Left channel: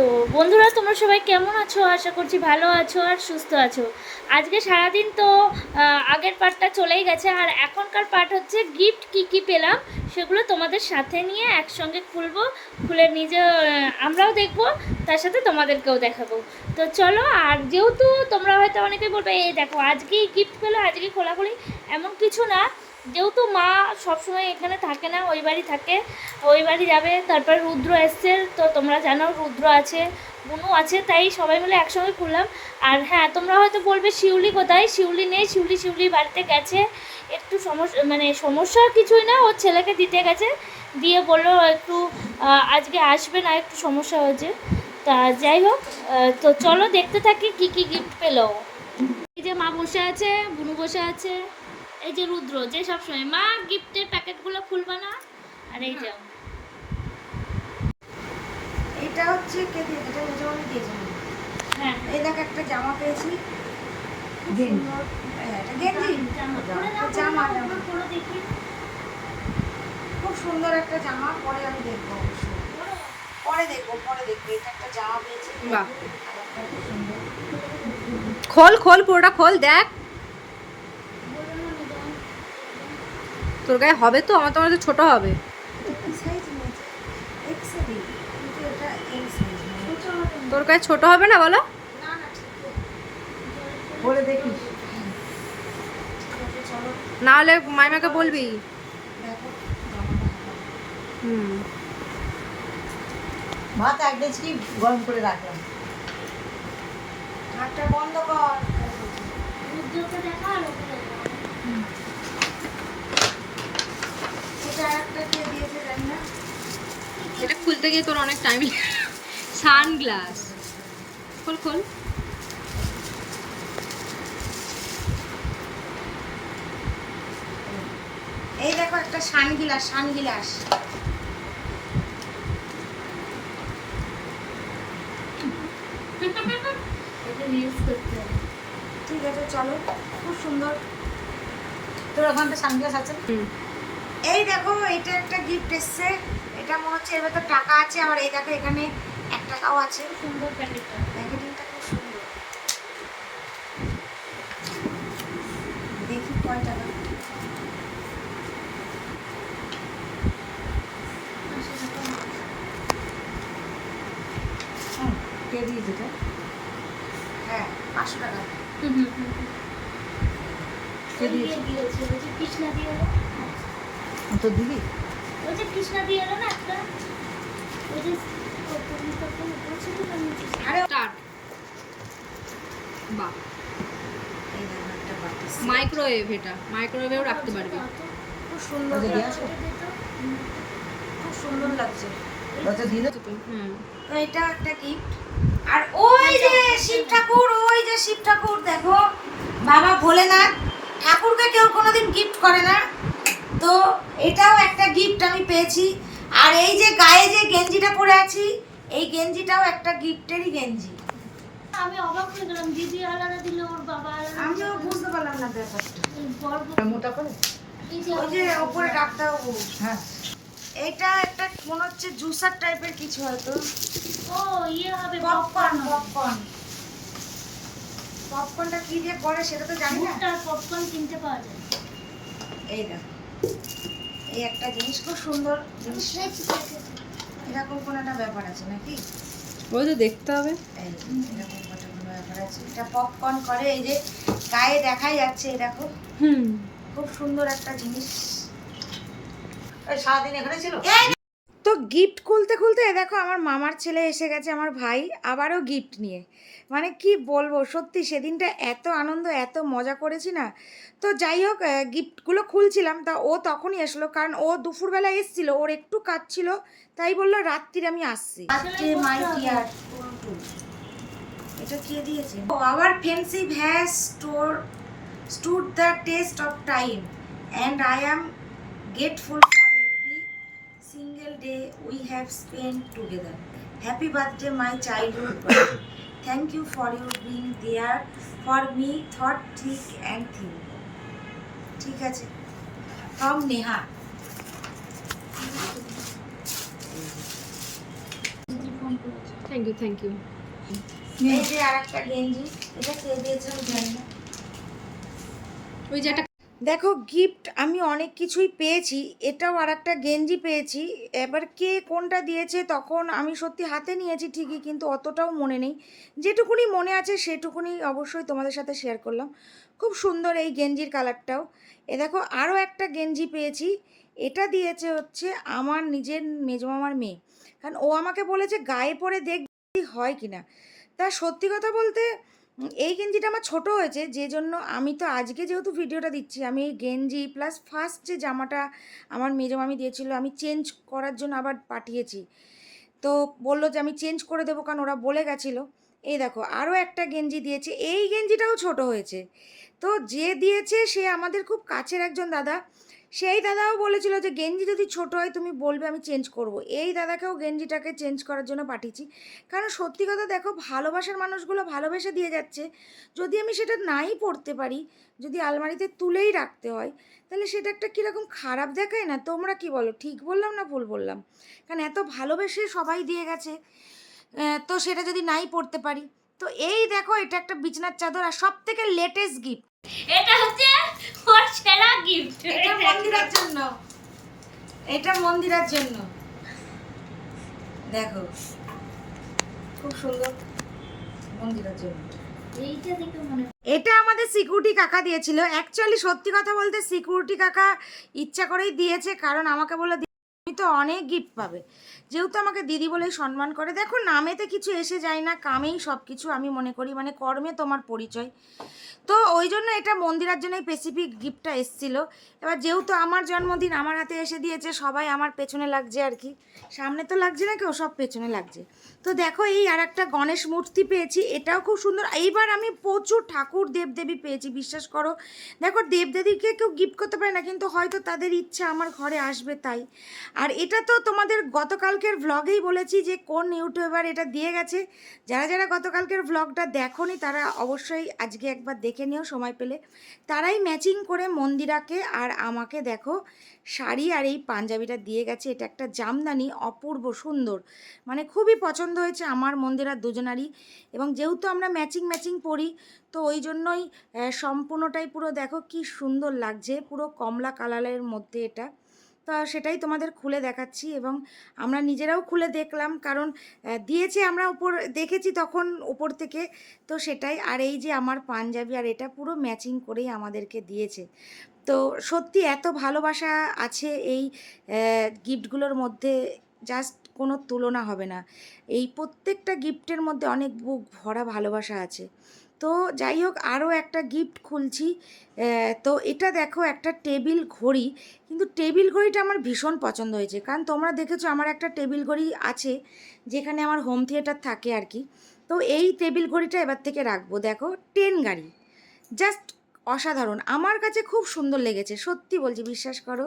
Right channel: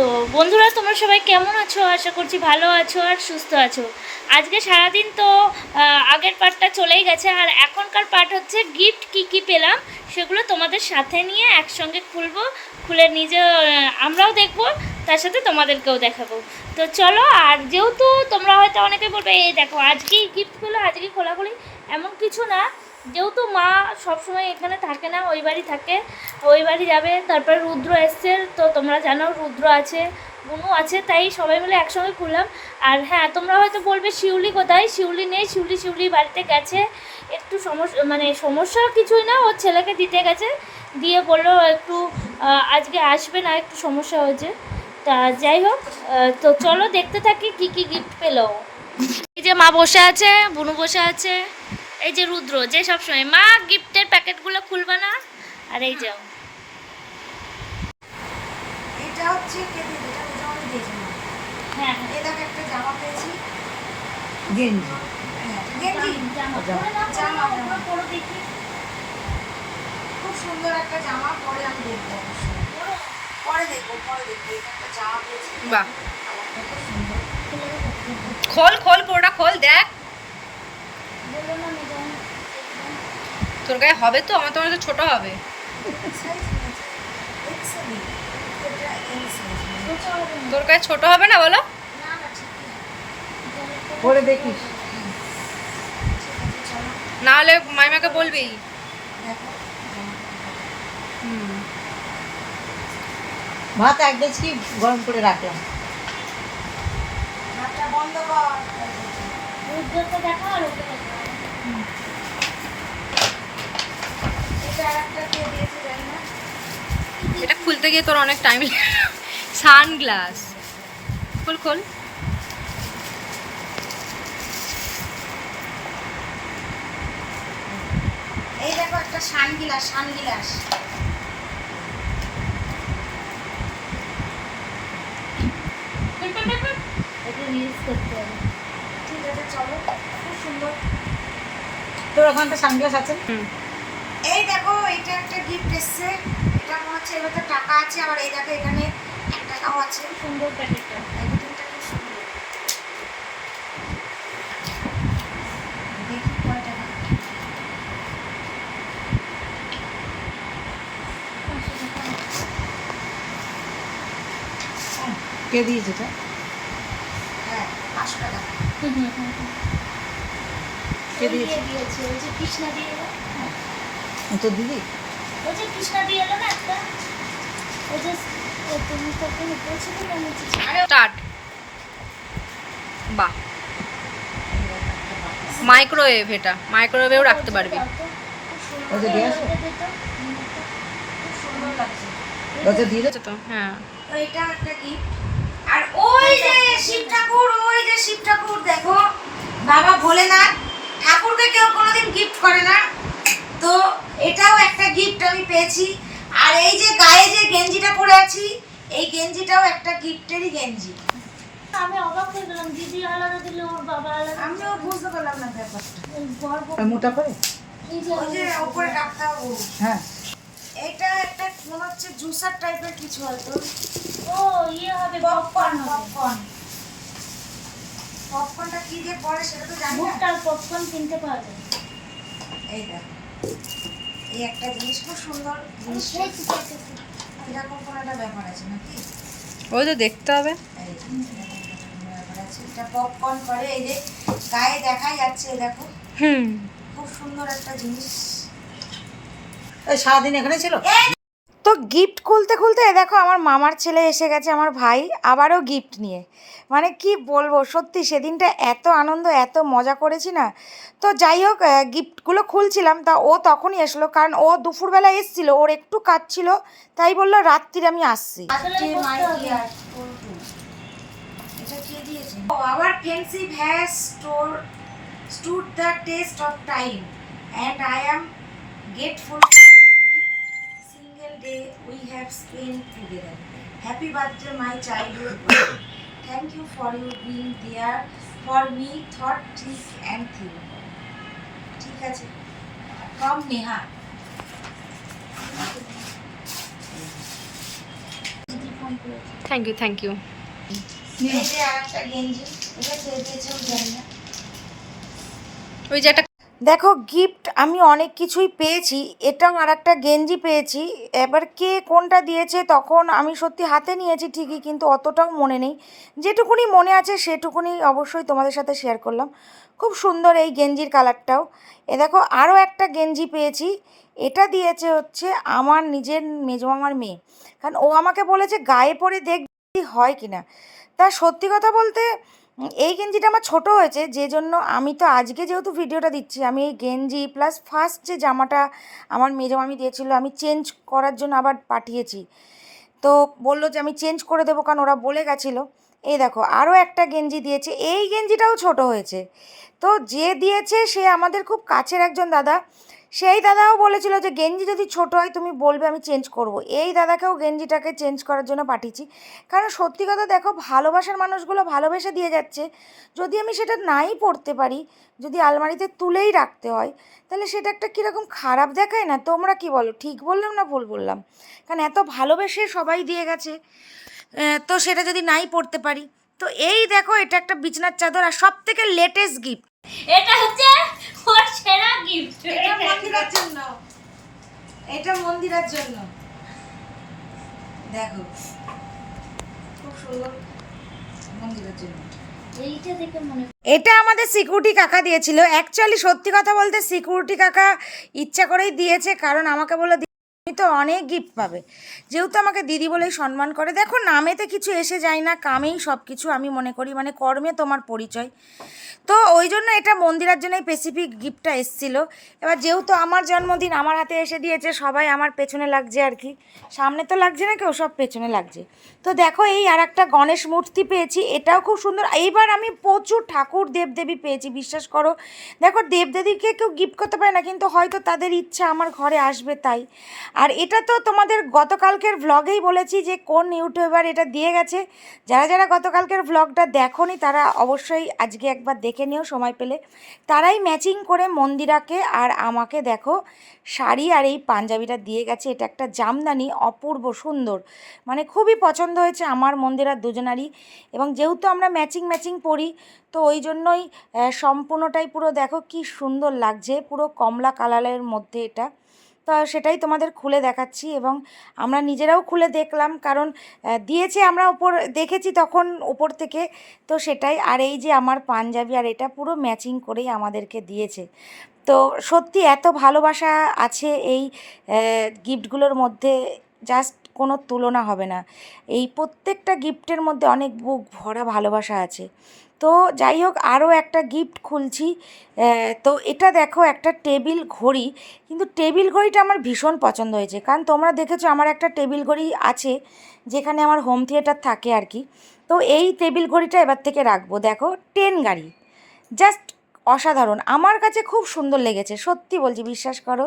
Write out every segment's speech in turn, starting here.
তো বন্ধুরা, তোমরা সবাই কেমন আছো? আশা করছি ভালো আছো আর সুস্থ আছো। আজকে সারাদিন তো আগের পার্টটা চলেই গেছে, আর এখনকার পার্ট হচ্ছে গিফট কি কি পেলাম, সেগুলো তোমাদের সাথে নিয়ে একসঙ্গে খুলবো, খুলে নিজে আমরাও দেখব, তার সাথে তোমাদেরকেও দেখাবো। তো চলো, আর যেহেতু তোমরা হয়তো অনেকে বলবে, এই দেখো, আজকেই গিফট পেল আজকে খোলাখুলি। এমন কিছু না যেহেতু মা সবসময় এখানে থাকে না, ওই বাড়ি থাকে, ওই বাড়ি যাবে, তারপর রুদ্র এসছে, তো তোমরা জানো রুদ্র আছে বুনু আছে, তাই সবাই মিলে একসঙ্গে খুললাম আর হ্যাঁ তোমরা হয়তো বলবে শিউলি কোথায়? শিউলি নেই, শিউলি শিউলি বাড়িতে গেছে। একটু সমস্যা মানে সমস্যা কিছুই না ওর ছেলেকে দিতে গেছে। দিয়ে বলল একটু আজকে আসবে না, একটু সমস্যা হয়েছে। তা যাই হোক তো চলো দেখতে থাকি কি কি গিফট পেল। এই যে মা বসে আছে বুনু বসে আছে। এই যে রুদ্র যে সবসময় মা গিফটের প্যাকেটগুলো খুলবা না? আর এই যে এটা হচ্ছে কে দিয়ে এটা নিজে আমি দেখিনি হ্যাঁ। এই দেখ একটা জামা পেয়েছি। গেঞ্জি? হ্যাঁ, গেঞ্জি। জামা পরে জামা। দেখি। খুব সুন্দর একটা জামা পরে আমি দেখব পরে। দেখব পরে দেখব। এটা একটা জামা পেয়েছি। বাহ। খুব সুন্দর। খোল খোল পুরোটা খোল দেখ বলল না ম্যাডাম, তোর গায়ে হবে তো? আমার তো মনে হচ্ছে ছোট হবে। তোর গায়ে ছোট হবে না বলো? না, না, ঠিক পরে দেখিস। না হলে মাইমাকে বলবি। হুম। ভাত এক গেছি গরম করে রাখলাম। হাতটা বন্ধ কর। দেখা আর দেখা। এটা আর একটা কে দিয়েছে জানি না এটা খুলতে গিয়ে তোর অনেক টাইম সানগ্লাস। খোল খোল। এই দেখো একটা সানগিলাস সানগিলাস। এটা রিলস করতে ঠিক আছে চলো। খুব সুন্দর। তোর ওখানটা সানগ্লাস আছে? হুম। এই দেখো এটা একটা গিফট এসছে। এটা মনে হচ্ছে এর ভেতর টাকা আছে আবার এই দেখো এখানে এক টাকাও আছে। সুন্দর প্যাকেটটা। প্যাকেটিংটা খুব সুন্দর। দেখি কয় টাকা। কে দিয়েছে এটা? হ্যাঁ পাঁচশো টাকা। কে দিয়েছে? দিয়ে দিয়েছে? কৃষ্ণা দিয়ে ও তোর দিদি। ওই যে কৃষ্ণা দিয়ে এলো না একটা? ওই যে বাহ। মাইক্রোওয়েভ এটা। মাইক্রোওয়েভেও রাখতে পারবি। খুব সুন্দর ওই যে দিয়ে আসো। খুব সুন্দর লাগছে। দরজা দিয়ে আচ্ছা তো হ্যাঁ। তো এটা একটা গিফট আর ওই যে শিব ঠাকুর ওই যে শিব ঠাকুর দেখো। বাবা ভোলেনাথ ঠাকুরকে কেউ কোনোদিন গিফট করে না। তো এটাও একটা গিফট আমি পেয়েছি। আর এই যে গায়ে যে গেঞ্জিটা পরে আছি এই গেঞ্জিটাও একটা গিফটেরই গেঞ্জি। আমি অবাক হয়ে গেলাম দিদি আলাদা দিল ওর বাবা আলাদা আমিও বুঝতে পারলাম না ব্যাপারটা। ওই বর বর- মোটা করে ওই যে ওপরে ডাক্তারবাবু। হ্যাঁ। এটা একটা মনে হচ্ছে জুসার টাইপের কিছু হয়তো। ও ইয়ে হবে পপকর্ন পপকর্ন। হবে পপকর্ন। পপকর্নটা কি দিয়ে করে সেটা তো জানি না। ভুট্টার পপকর্ন কিনতে পাওয়া যায়। এই দেখো। এই একটা জিনিস খুব সুন্দর জিনিস। এরকম কোনো একটা ব্যাপার আছে নাকি? ওই তো দেখতে হবে। ব্যাপার আছে। এটা পপকর্ন করে এই যে গায়ে দেখাই যাচ্ছে এই দেখো। হুম। খুব সুন্দর একটা জিনিস। সারাদিন এখানে ছিল? তো গিফট খুলতে খুলতে এ দেখো আমার মামার ছেলে এসে গেছে আমার ভাই আবারও গিফট নিয়ে। মানে কি বলব সত্যি সেদিনটা এত আনন্দ এত মজা করেছি না। তো যাই হোক গিফটগুলো খুলছিলাম তা ও তখনই এসলো কারণ ও দুপুরবেলা এসেছিল ওর একটু কাজ ছিল তাই বলল রাত্রিরে আমি আসছি। আসলে এটা কে দিয়েছে? Our has store test of time and I am grateful for every we have spent together. Happy birthday, my childhood buddy. Thank you for you being there for me, thought, thick and thin. ঠিক আছে from Neha thank you thank you এই যে আর একটা গেঞ্জি এটা কে দিয়েছে ওই যে একটা দেখো গিফট আমি অনেক কিছুই পেয়েছি, এটাও আর একটা গেঞ্জি পেয়েছি। এবার কে কোনটা দিয়েছে তখন আমি সত্যি হাতে নিয়েছি ঠিকই, কিন্তু অতটাও মনে নেই। যেটুকুনি মনে আছে সেটুকুনি অবশ্যই তোমাদের সাথে শেয়ার করলাম। খুব সুন্দর এই গেঞ্জির কালারটাও এ দেখো, আরও একটা গেঞ্জি পেয়েছি। এটা দিয়েছে হচ্ছে আমার নিজের মেজো মামার মেয়ে। কারণ ও আমাকে বলেছে, গায়ে পরে দেখবি হয় কি না তা সত্যি কথা বলতে এই গেঞ্জিটা আমার ছোট হয়েছে যে জন্য আমি তো আজকে যেহেতু ভিডিওটা দিচ্ছি, আমি এই গেঞ্জি প্লাস ফার্স্ট যে জামাটা আমার মেজো মামি দিয়েছিল, আমি চেঞ্জ করার জন্য আবার পাঠিয়েছি। তো বলল যে আমি চেঞ্জ করে দেবো কারণ ওরা বলে গেছিল। এই দেখো, আরও একটা গেঞ্জি দিয়েছে, এই গেঞ্জিটাও ছোট হয়েছে। তো যে দিয়েছে সে আমাদের খুব কাছের একজন দাদা সেই দাদাও বলেছিল যে, গেঞ্জি যদি ছোট হয়, তুমি বলবে আমি চেঞ্জ করব। এই দাদাকেও গেঞ্জিটাকে চেঞ্জ করার জন্য পাঠিয়েছি। কারণ সত্যি কথা দেখো, ভালোবাসার মানুষগুলো ভালোবেসে দিয়ে যাচ্ছে। যদি আমি সেটা নাই পড়তে পারি, যদি আলমারিতে তুলেই রাখতে হয়, তাহলে সেটা একটা কীরকম খারাপ দেখায় না? তোমরা কি বলো? ঠিক বললাম না ভুল বললাম? কারণ এত ভালোবেসে সবাই দিয়ে গেছে। তো সেটা যদি নাই পড়তে পারি? তো এই দেখো, এটা একটা বিছনার চাদর আর সব থেকে লেটেস্ট গিফট এটা হচ্ছে ওর সেরা গিফট এটা মন্দিরের জন্য। এটা মন্দিরের জন্য। দেখো। খুব সুন্দর মন্দিরের জন্য। এইটা দেখে এটা আমাদের সিকিউরিটি কাকা দিয়েছিল। অ্যাকচুয়ালি সত্যি কথা বলতে সিকিউরিটি কাকা ইচ্ছা করেই দিয়েছে কারণ আমাকে বলল "দি- তুমি তো অনেক গিফট পাবে। যেহেতু আমাকে দিদি বলেই সম্মান করে, দেখো নামেতে কিছু এসে যায় না, কামেই সব কিছু আমি মনে করি মানে কর্মে তোমার পরিচয়। তো ওই জন্য এটা মন্দিরের জন্য স্পেসিফিক গিফটটা এসেছিল। এবার যেহেতু আমার জন্মদিন আমার হাতে এসে দিয়েছে, সবাই আমার পেছনে লাগছে আর কি। সামনে তো লাগছে না কেউ, সব পেছনে লাগছে। তো দেখো এই আর একটা গণেশ মূর্তি পেয়েছি, এটাও খুব সুন্দর। এইবার আমি প্রচুর ঠাকুর দেবদেবী পেয়েছি, বিশ্বাস করো। দেখো দেবদেবীকে কেউ গিফট করতে পারে না, কিন্তু হয়তো তাদের ইচ্ছা আমার ঘরে আসবে তাই। আর এটা তো তোমাদের গতকালকের ভ্লগেই বলেছি যে কোন ইউটিউবার এটা দিয়ে গেছে। যারা যারা গতকালকের ভ্লগটা দেখোনি, তারা অবশ্যই আজকে একবার দেখে নিও, সময় পেলে। তারাই ম্যাচিং করে মন্দিরাকে আর আমাকে দেখো, শাড়ি আর এই পাঞ্জাবিটা দিয়ে গেছে। এটা একটা জামদানি, অপূর্ব সুন্দর। মানে খুবই পছন্দ হয়েছে আমার মন্দিরার দুজনারই। এবং যেহেতু আমরা ম্যাচিং ম্যাচিং পরি, তো ওই জন্যই সম্পূর্ণটাই পুরো দেখো কি সুন্দর লাগছে। পুরো কমলা কালারের মধ্যে এটা। তো সেটাই তোমাদের খুলে দেখাচ্ছি এবং আমরা নিজেরাও খুলে দেখলাম কারণ দিয়েছে আমরা ওপর, দেখেছি তখন ওপর থেকে। তো সেটাই, আর এই যে আমার পাঞ্জাবি, আর এটা পুরো ম্যাচিং করেই আমাদেরকে দিয়েছে। তো সত্যি এত ভালোবাসা আছে এই গিফটগুলোর মধ্যে, জাস্ট কোনো তুলনা হবে না। এই প্রত্যেকটা গিফটের মধ্যে অনেক বুক ভরা ভালোবাসা আছে। তো যাই হোক, আরও একটা গিফট খুলছি। তো এটা দেখো, একটা টেবিল ঘড়ি। কিন্তু টেবিল ঘড়িটা আমার ভীষণ পছন্দ হয়েছে। কারণ তোমরা দেখেছ, আমার একটা টেবিল ঘড়ি আছে, যেখানে আমার হোম থিয়েটার থাকে আর কি। তো এই টেবিল ঘড়িটা এবার থেকে রাখব। দেখো টেন গাড়ি। জাস্ট অসাধারণ। আমার কাছে খুব সুন্দর লেগেছে, সত্যি বলছি, বিশ্বাস করো।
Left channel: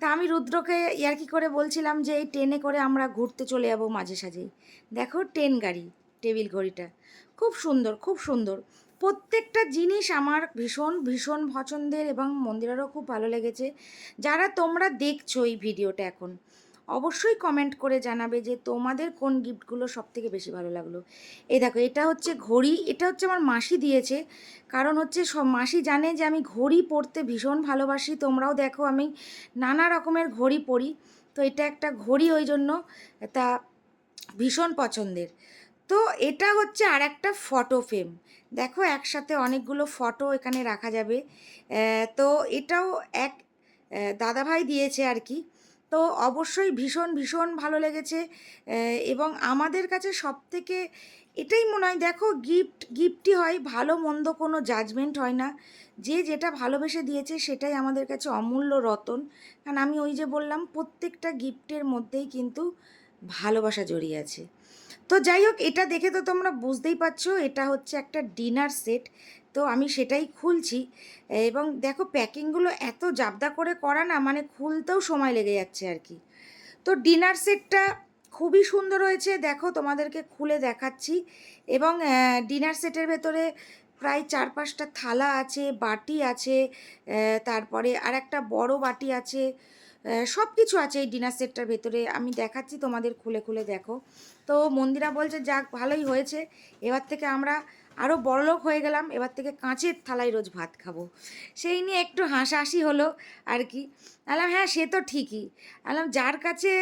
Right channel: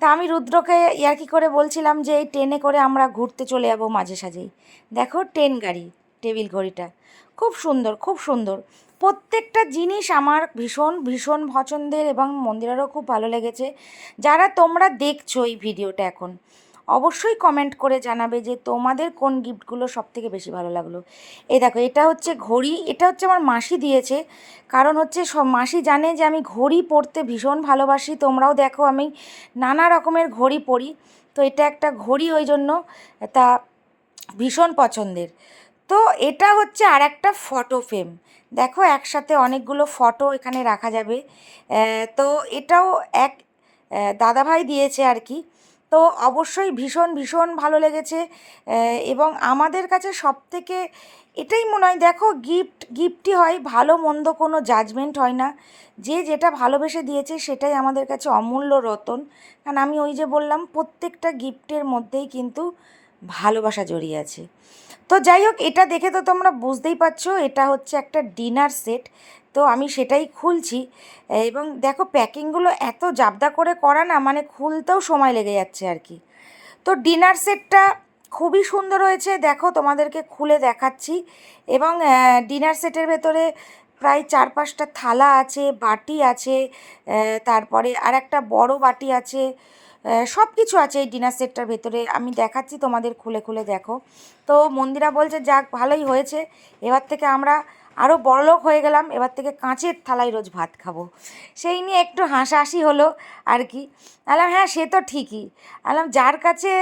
তা আমি রুদ্রকে ইয়ার্কি করে বলছিলাম যে, এই ট্রেনে করে আমরা ঘুরতে চলে যাব মাঝে সাঝেই। দেখো ট্রেন গাড়ি, টেবিল ঘড়িটা। খুব সুন্দর খুব সুন্দর। প্রত্যেকটা জিনিস আমার ভীষণ ভীষণ পছন্দের এবং মন্দিরেরও খুব ভালো লেগেছে। যারা তোমরা দেখছ এই ভিডিওটা এখন, অবশ্যই কমেন্ট করে জানাবে যে তোমাদের কোন গিফটগুলো সব থেকে বেশি ভালো লাগল। এই দেখো, এটা হচ্ছে ঘড়ি, এটা হচ্ছে আমার মাসি দিয়েছে। কারণ হচ্ছে সব মাসি জানে যে আমি ঘড়ি পরতে ভীষণ ভালোবাসি, তোমরাও দেখো আমি নানা রকমের ঘড়ি পরি তো এটা একটা ঘড়ি ওই জন্য তা ভীষণ পছন্দের। তো এটা হচ্ছে আর একটা ফটো ফ্রেম দেখো একসাথে অনেকগুলো ফটো এখানে রাখা যাবে। তো এটাও এক দাদাভাই দিয়েছে আর কি। তো অবশ্যই ভীষণ ভীষণ ভালো লেগেছে। এবং আমাদের কাছে সব থেকে এটাই মনে হয়, দেখো গিফট গিফটই হয়, ভালো মন্দ কোনো জাজমেন্ট হয় না। যে যেটা ভালোবেসে দিয়েছে সেটাই আমাদের কাছে অমূল্য রতন। কারণ আমি ওই যে বললাম, প্রত্যেকটা গিফটের মধ্যেই কিন্তু ভালোবাসা জড়িয়ে আছে। তো যাই হোক, এটা দেখে তো তোমরা বুঝতেই পারছ, এটা হচ্ছে একটা ডিনার সেট। তো আমি সেটাই খুলছি। এবং দেখো, প্যাকিংগুলো এত জাবদা করে করা না মানে খুলতেও সময় লেগে যাচ্ছে আর কি। তো ডিনার সেটটা খুবই সুন্দর হয়েছে, দেখো তোমাদেরকে খুলে দেখাচ্ছি। এবং ডিনার সেটের ভেতরে প্রায় চার পাঁচটা থালা আছে, বাটি আছে তারপরে আর একটা বড় বাটি আছে। সব কিছু আছে এই ডিনার সেটটার ভেতরে। আমি দেখাচ্ছি, তোমাদের খুলে খুলে দেখো। তো মন্দিরা বলছে, যাক, ভালোই হয়েছে। এবার থেকে আমরা আরও বড়লোক হয়ে গেলাম। এবার থেকে কাঁচের থালায় রোজ ভাত খাব। সেই নিয়ে একটু হাসাহাসি হলো আর কি। আলাম হ্যাঁ সে তো ঠিকই। আলাম, যার কাছে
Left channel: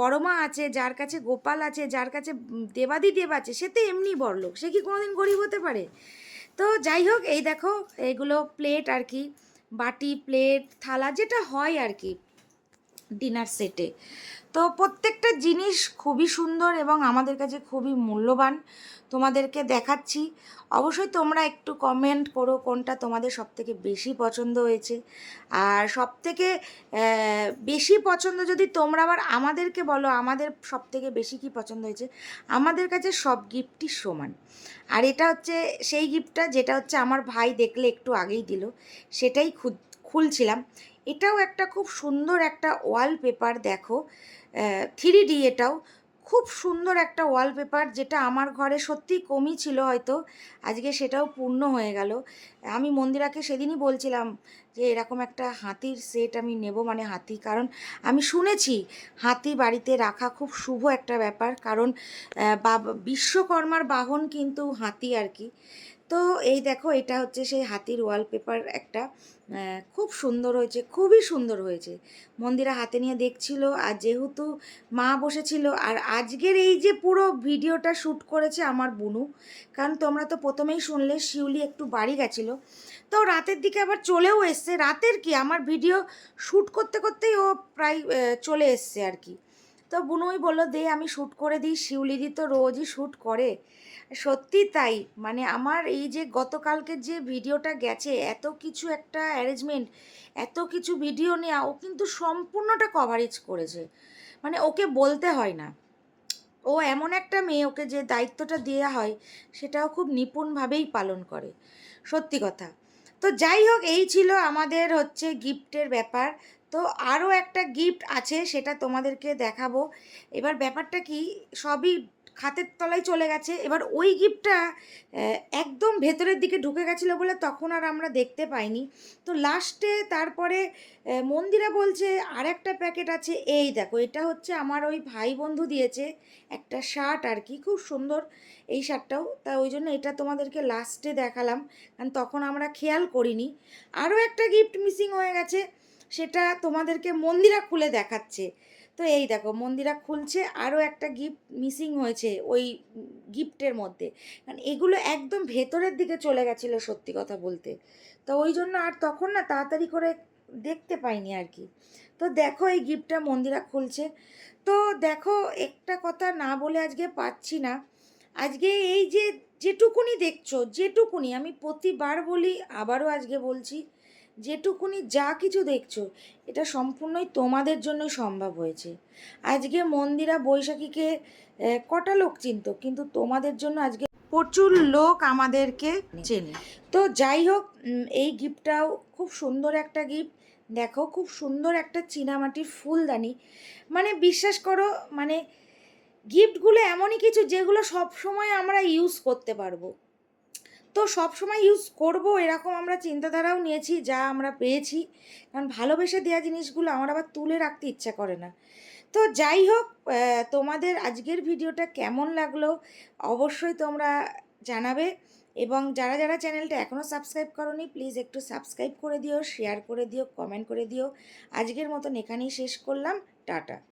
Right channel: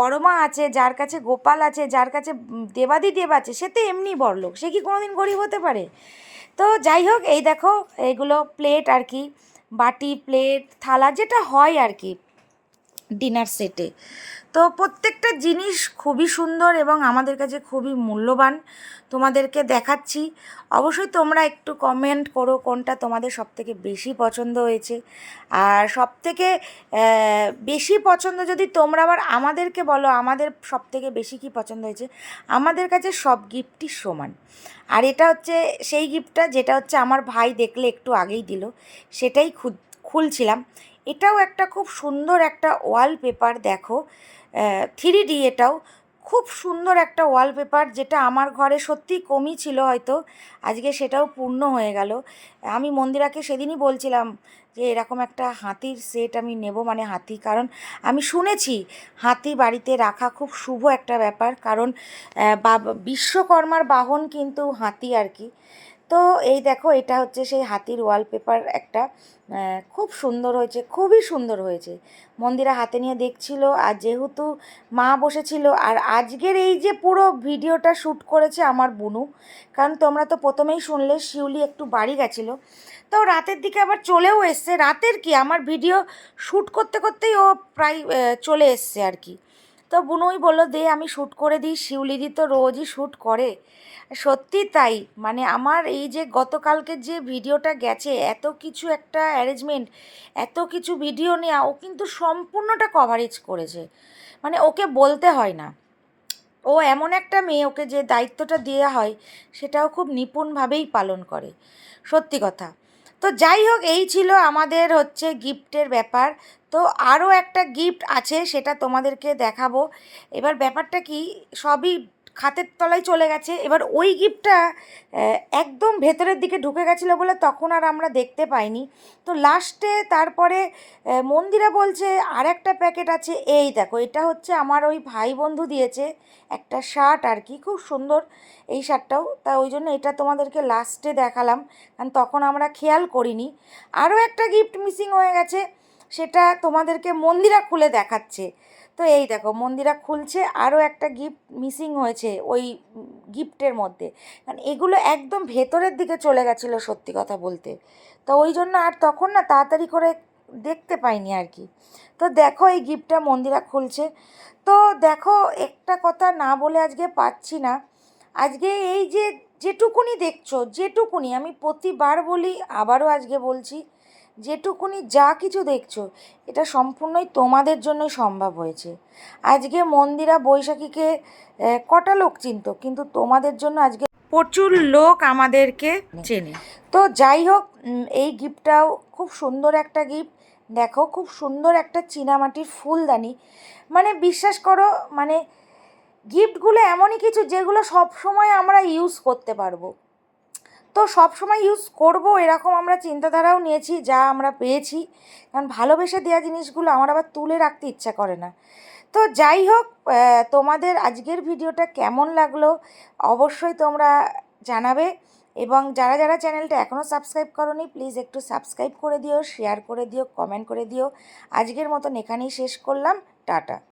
বড়মা আছে, যার কাছে গোপাল আছে, যার কাছে দেবাদি দেব আছে, সে তো এমনি বড়লোক। সে কি কোনোদিন গরিব হতে পারে? তো যাই হোক, এই দেখো, এগুলো প্লেট আর কি, বাটি প্লেট থালা, যেটা হয় আর কি। ডিনার সেটে তো প্রত্যেকটা জিনিস খুবই সুন্দর এবং আমাদের কাছে খুবই মূল্যবান। তোমাদেরকে দেখাচ্ছি। অবশ্যই তোমরা একটু কমেন্ট করো কোনটা তোমাদের সবথেকে বেশি পছন্দ হয়েছে। আর সবথেকে বেশি পছন্দ যদি তোমরা আবার আমাদেরকে বলো, আমাদের সবথেকে বেশি কি পছন্দ হয়েছে? আমাদের কাছে সব গিফটই সমান। আর এটা হচ্ছে, সেই গিফটটা যেটা হচ্ছে আমার ভাই দেখলে একটু আগেই দিল, সেটাই খুলছিলাম। এটাও একটা খুব সুন্দর একটা ওয়ালপেপার দেখো। থ্রি ডি এটাও খুব সুন্দর একটা ওয়ালপেপার যেটা আমার ঘরে সত্যি কমই ছিল হয়তো। আজকে সেটাও পূর্ণ হয়ে গেল। আমি মন্দিরাকে সেদিনই বলছিলাম যে, এরকম একটা হাতির সেট আমি নেব মানে হাতি। কারণ আমি শুনেছি হাতি বাড়িতে রাখা খুব শুভ একটা ব্যাপার। কারণ বিশ্বকর্মার বাহন কিন্তু হাতি আর কি। তো এই দেখো, এটা হচ্ছে সেই হাতির ওয়ালপেপার একটা খুব সুন্দর হয়েছে, খুবই সুন্দর হয়েছে। মন্দিরা হাতে নিয়ে দেখছিল, আর যেহেতু মা বসেছিল, আর আজকের এই যে পুরো ভিডিওটা শ্যুট করেছে আমার বুনু, কারণ তোমরা তো প্রথমেই শুনলে, শিউলি একটু বাড়ি গেছিল, তো রাতের দিকে আবার চলেও এসছে। রাতের কি? আমার ভিডিও শ্যুট করতে করতেই ও প্রায় চলে এসছে আর কি। তো বুনুই বলল, দে, আমি শ্যুট করে দিই শিউলিদি তো রোজই শ্যুট করে। সত্যি তাই। মানে আমার এই যে গতকালকে যে ভিডিওটা গেছে, এত কিছু একটা অ্যারেঞ্জমেন্ট এত কিছু ভিডিও নেওয়া ও কিন্তু সম্পূর্ণটা কভারেজ করেছে। মানে ওকে বলতে হয় না। ও এমন একটা মেয়ে, ওকে যে দায়িত্বটা দেওয়া হয়, সেটাও খুব নিপুণভাবেই পালন করে। সত্যি কথা। তো যাই হোক, এই ছিল আমাদের হচ্ছে গিফটের ব্যাপার। তো আরও একটা গিফট আছে, সেটা তোমাদেরকে দেখাবো। এবার ব্যাপারটা কি, সবই খাতের তলায় চলে গেছে। এবার ওই গিফটটা একদম ভেতরের দিকে ঢুকে গেছিল বলে তখন আর আমরা দেখতে পাইনি। তো লাস্টে তারপরে মন্দিরা বলছে আর একটা প্যাকেট আছে। এই দেখো, এটা হচ্ছে আমার ওই ভাই বন্ধু দিয়েছে একটা শার্ট আর কি, খুব সুন্দর এই শার্টটাও। তা ওই জন্য এটা তোমাদেরকে লাস্টে দেখালাম, কারণ তখন আমরা খেয়াল করিনি। আরও একটা গিফট মিসিং হয়ে গেছে, সেটা তোমাদেরকে মন্দিরা খুলে দেখাচ্ছে। তো এই দেখো, মন্দিরা খুলছে, আরও একটা গিফট মিসিং হয়েছে ওই গিফটের মধ্যে। কারণ এগুলো একদম ভেতরের দিকে চলে গেছিল সত্যি কথা বলতে। তো ওই জন্য আর তখন না তাড়াতাড়ি করে দেখতে পাইনি আর কি। তো দেখো এই গিফটটা মন্দিরা খুলছে। তো দেখো একটা কথা না বলে আজকে পাচ্ছি না। আজকে এই যে যেটুকুনি দেখছ, যেটুকুনি আমি প্রতিবার বলি, আবারও আজকে বলছি যেটুকুনি যা কিছু দেখছ, এটা সম্পূর্ণই তোমাদের জন্যই সম্ভব হয়েছে। আজকে মন্দিরা বৈশাখীকে কটা লোক চিনত, কিন্তু তোমাদের জন্য আজকে প্রচুর লোক আমাদেরকে চেনে। তো যাই হোক এই গিফটটাও খুব সুন্দর একটা গিফট। দেখো, খুব সুন্দর একটা চীনামাটির ফুলদানি। মানে বিশ্বাস করো মানে গিফটগুলো এমনই কিছু যেগুলো সব সময় আমরা ইউজ করতে পারব। তো সব সময় ইউজ করব, এরকম আমরা চিন্তাধারাও নিয়েছি, যা আমরা পেয়েছি। কারণ ভালোবেসে দেওয়া জিনিসগুলো আমার আবার তুলে রাখতে ইচ্ছা করে না। তো যাই হোক তোমাদের আজকের ভিডিওটা কেমন লাগল অবশ্যই তোমরা জানাবে। এবং যারা যারা চ্যানেলটা এখনও সাবস্ক্রাইব করনি প্লিজ একটু সাবস্ক্রাইব করে দিও শেয়ার করে দিও কমেন্ট করে দিও। আজকের মতন এখানেই শেষ করলাম। টাটা।